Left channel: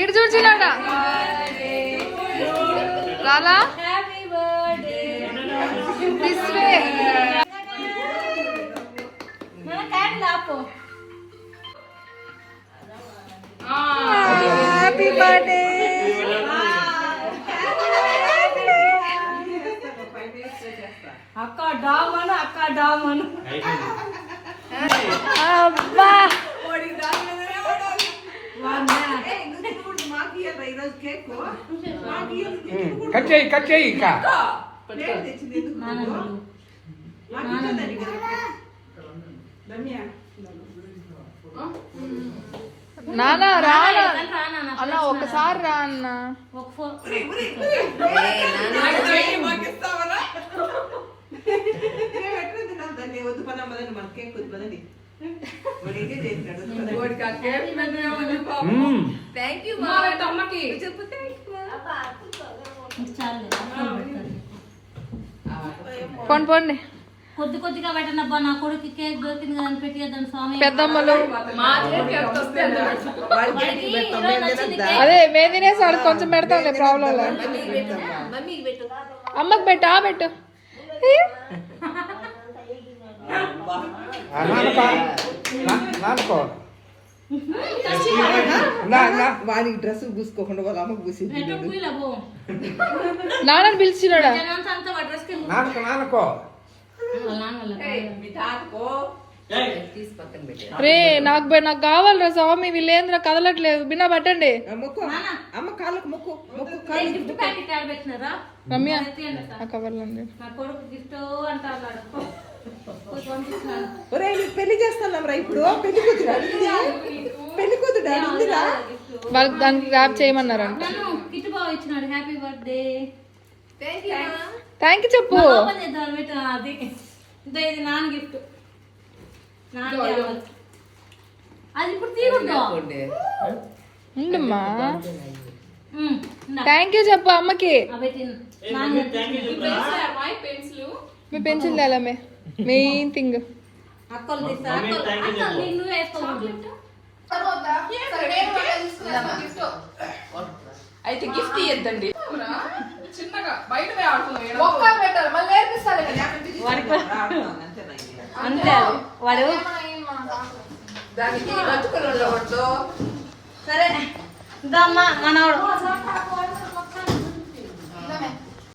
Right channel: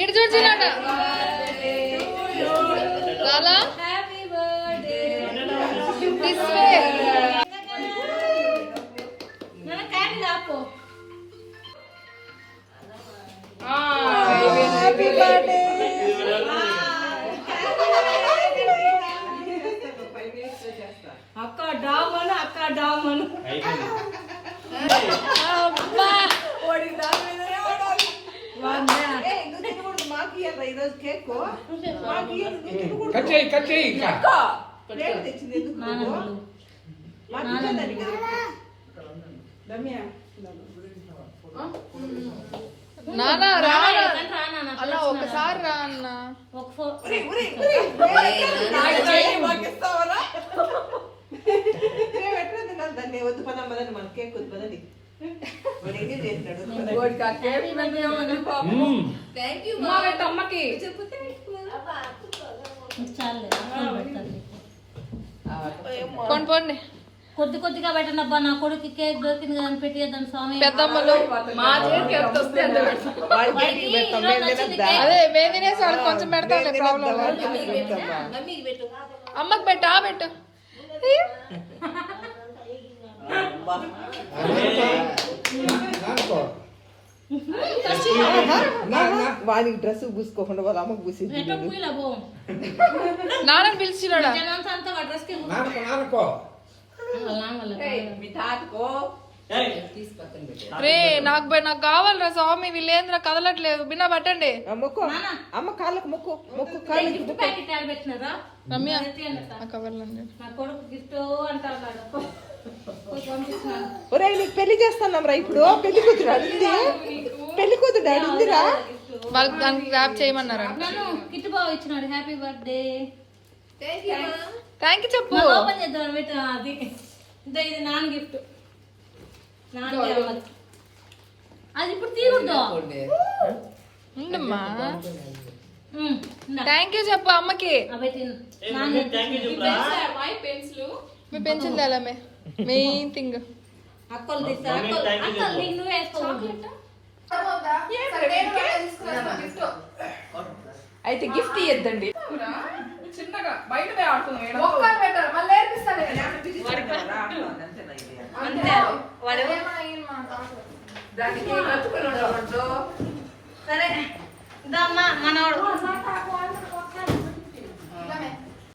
ఇటు చూసినాక రాలా హ్యాపీ బర్త్డే అక్క డామను అబ్బా కట్ చేయి నానా రా అలా ఒకసారి రా అన్న వద్దు పనమ్మదండి మన కేక్ వద్దు పదండి అమ్మకి పోండి కొద్దిగా పెట్టనబ్బా నా కొడుకు కేక్ దొరికింది కదా అని పెట్టేద్దాం స్వామి. పెద్దమ్మలు అదే మేము తినేసి వాళ్ళకి కొంచెం పెడతాంలే ప్రాబ్లం. అమ్మకి పెట్టు పెట్టు వానికి డ్రెస్ పూసుకోకుండా వాళ్ళ అమ్మకు పూసింది. నాన్నని పిలిచినాడా రే నాకు కావాలరా స్వామి. వీళ్ళేంద్ర కదలట్లేదు. బిన్నా పట్టండి అమ్మ కాళ్ళకు మొక్కు రమ్య కవర్లండి. పెళ్లి చేస్తున్నాం రా ఇప్పుడు. పెళ్లి కూతురు అడిగిందిరా వాళ్ళకి దానికి ర్యాప్ చేయమన్నారంట. హ్యాపీ బర్త్డే థ్యాంక్ యూ చెప్పు. అది ఇది నాన్న గిఫ్ట్. అది ఇప్పుడు తీయకూడదు. ఉండమ్మా థ్యాంక్ యూ చెప్పు అమ్మకి. మీ పెన్సిల్ తేలమే మెయిన్ థింగ్. అయితే గిఫ్ట్ ఇద్దండి చిన్నగా బయట సరే